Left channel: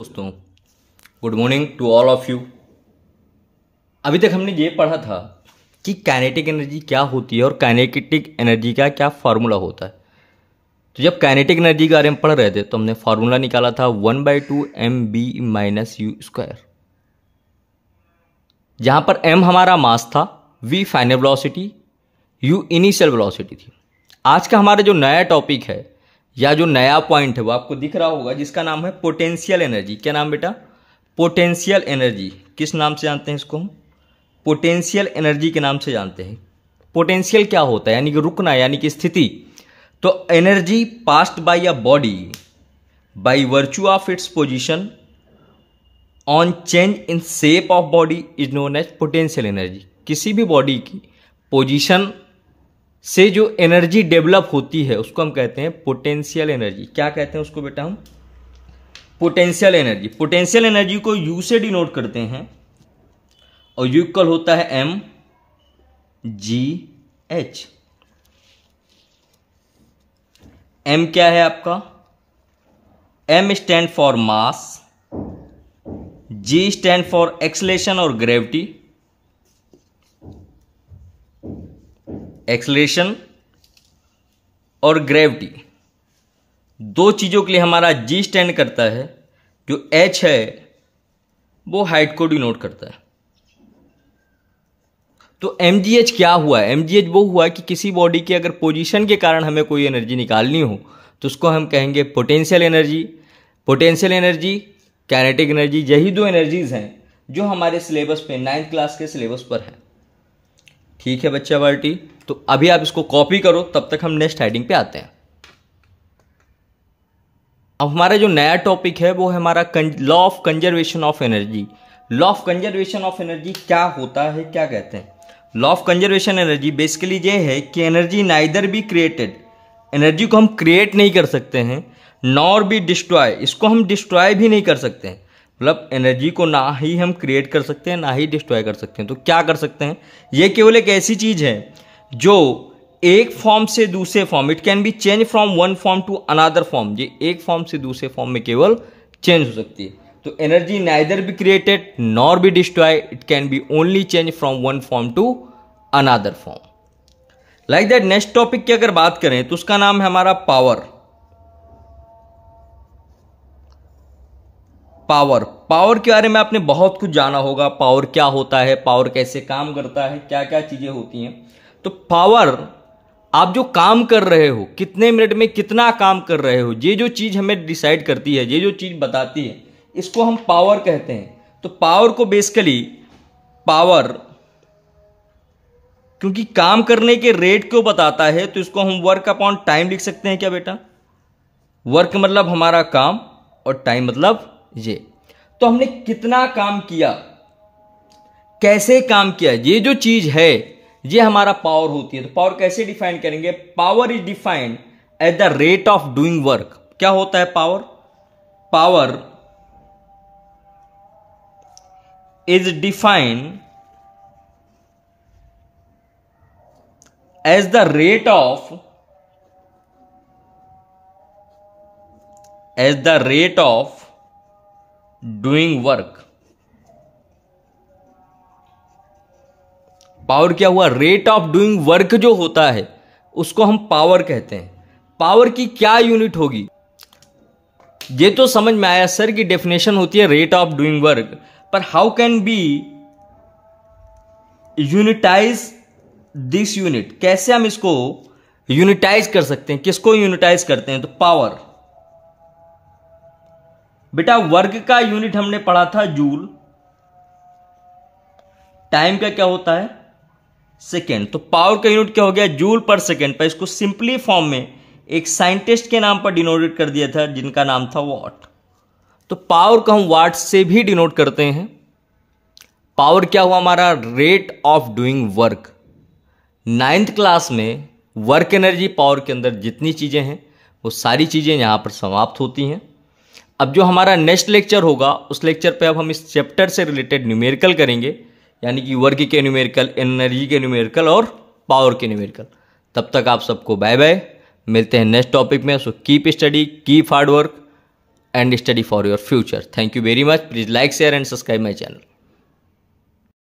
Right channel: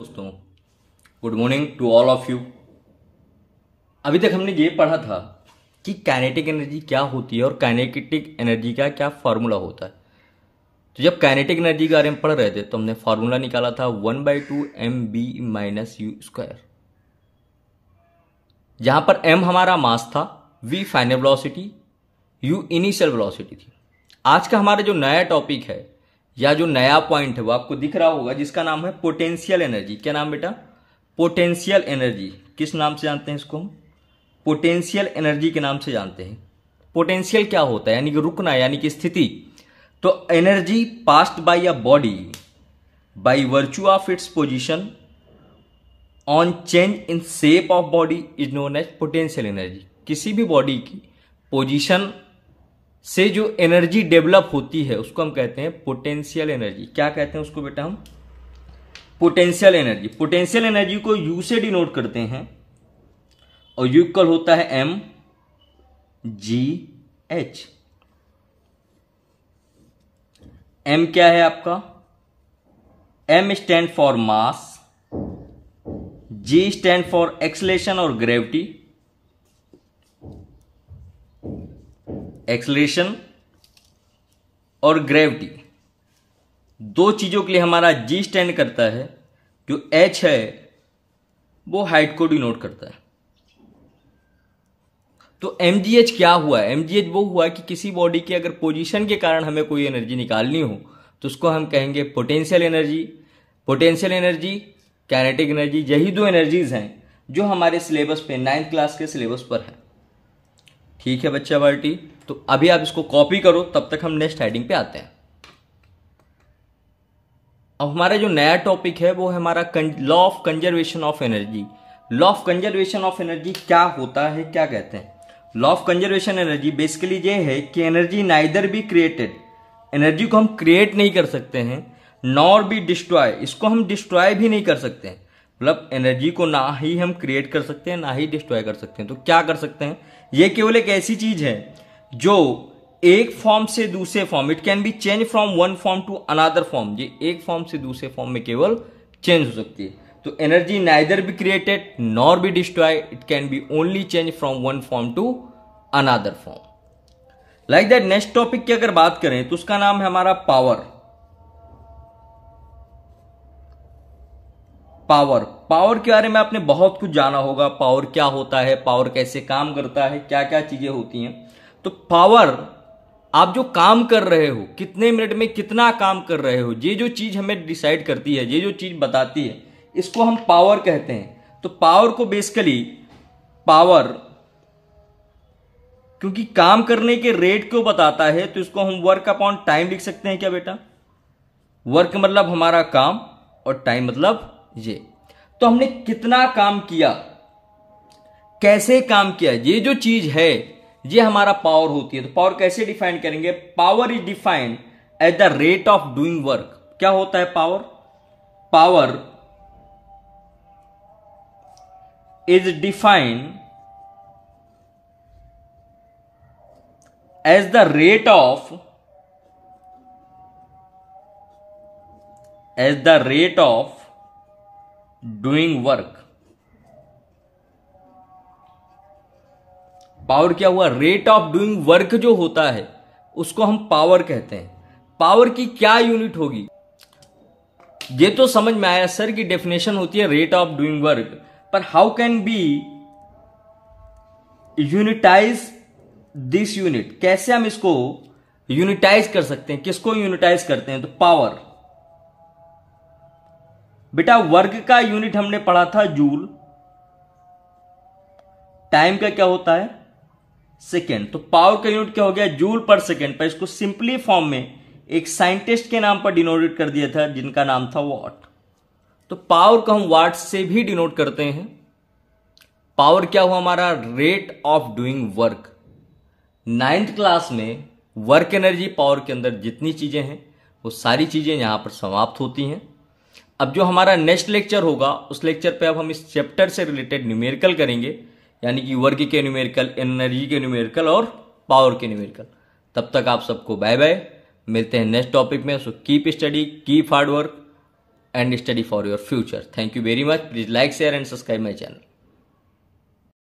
दोस्तों, good morning to all of you. अभी तक हमने ये पढ़ा था कि काइनेटिक एनर्जी क्या होती है और काइनेटिक एनर्जी का क्या फार्मूला होता है। तो जब काइनेटिक एनर्जी के बारे में पढ़ रहे थे तो हमने फार्मूला निकाला था 1/2 mb-u², जहां पर m हमारा मास था, v final velocity, u initial velocity थी। आज का हमारा जो नया टॉपिक है या जो नया पॉइंट है वो आपको दिख रहा होगा, जिसका नाम है पोटेंशियल एनर्जी। क्या नाम बेटा? Potential energy. किस नाम से जानते हैं इसको हम? पोटेंशियल एनर्जी के नाम से जानते हैं। पोटेंशियल क्या होता है? यानी कि रुकना, यानी कि स्थिति। तो energy passed by a body by virtue of its position on change in shape of body is known as potential energy. किसी भी बॉडी की पोजीशन से जो एनर्जी डेवलप होती है उसको हम कहते हैं पोटेंशियल एनर्जी। क्या कहते हैं उसको बेटा हम? Potential energy. पोटेंशियल एनर्जी को यू से डिनोट करते हैं और यू इक्वल होता है एम जी एच। एम क्या है आपका? M stand for mass, G stand for acceleration और ग्रेविटी। एक्सलेशन और ग्रेविटी दो चीजों के लिए हमारा जी स्टैंड करता है। जो एच है वो हाइट को डिनोट करता है। तो mgh क्या हुआ है? mgh वो हुआ कि किसी बॉडी के अगर पोजीशन के कारण हमें कोई एनर्जी निकालनी हो तो उसको हम कहेंगे potential energy. Potential energy, kinetic energy, यही दो एनर्जीज हैं जो हमारे सिलेबस पे 9th क्लास के सिलेबस पर है। ठीक है बच्चा बाल्टी, तो अभी आप इसको कॉपी करो, तब तक हम नेक्स्ट हेडिंग पे आते हैं। अब हमारा जो नया टॉपिक है वो है हमारा law of conservation of energy. Law of conservation of energy क्या होता है, क्या कहते हैं? Law of conservation energy basically ये है कि energy neither be created, energy को हम क्रिएट नहीं कर सकते हैं, नॉर बी डिस्ट्रॉय, इसको हम डिस्ट्रॉय भी नहीं कर सकते हैं। मतलब एनर्जी को ना ही हम क्रिएट कर सकते हैं ना ही डिस्ट्रॉय कर सकते हैं। तो क्या कर सकते हैं? ये केवल एक ऐसी चीज है जो एक फॉर्म से दूसरे form, it can be change from one form to another form, ये एक फॉर्म से दूसरे फॉर्म में केवल चेंज हो सकती है। तो energy neither be created nor be destroy, it can be only change from one form to another form. Like that next topic की अगर बात करें तो उसका नाम है हमारा पावर। पावर, पावर के बारे में आपने बहुत कुछ जाना होगा। पावर क्या होता है, पावर कैसे काम करता है, क्या क्या चीजें होती हैं। तो पावर, आप जो काम कर रहे हो, कितने मिनट में कितना काम कर रहे हो, ये जो चीज हमें डिसाइड करती है, ये जो चीज बताती है, इसको हम पावर कहते हैं। तो पावर को बेसिकली पावर, क्योंकि काम करने के रेट को बताता है, तो इसको हम वर्क अपॉन टाइम लिख सकते हैं। क्या बेटा? वर्क मतलब हमारा काम और टाइम मतलब ये। तो हमने कितना काम किया, कैसे काम किया, ये जो चीज है ये हमारा पावर होती है। तो पावर कैसे डिफाइन करेंगे? Power is defined as the rate of doing work. क्या होता है power? Power is defined as the rate of doing work. Power क्या हुआ? रेट ऑफ डूइंग वर्क जो होता है उसको हम पावर कहते हैं। पावर की क्या यूनिट होगी? ये तो समझ में आया सर की डेफिनेशन होती है रेट ऑफ डूइंग वर्क, पर how can be unitise this unit? कैसे हम इसको यूनिटाइज कर सकते हैं? किसको यूनिटाइज करते हैं? तो पावर। बेटा वर्क का यूनिट हमने पढ़ा था जूल, टाइम का क्या होता है? सेकेंड। तो पावर का यूनिट क्या हो गया? जूल पर सेकेंड। पर इसको सिंपली फॉर्म में एक साइंटिस्ट के नाम पर डिनोट कर दिया था जिनका नाम था वॉट। तो पावर को हम वाट से भी डिनोट करते हैं। पावर क्या हुआ? हमारा rate of doing work. 9th class में वर्क एनर्जी पावर के अंदर जितनी चीजें हैं वो सारी चीजें यहां पर समाप्त होती हैं। अब जो हमारा नेक्स्ट लेक्चर होगा उस लेक्चर पे अब हम इस चैप्टर से रिलेटेड न्यूमेरिकल करेंगे, यानी कि वर्क के न्यूमेरिकल, एनर्जी के न्यूमेरिकल और पावर के न्यूमेरिकल। तब तक आप सबको बाय बाय, मिलते हैं नेक्स्ट टॉपिक में। So keep study, keep hard work. and study for your future. Thank you very much. Please like, share and subscribe my channel.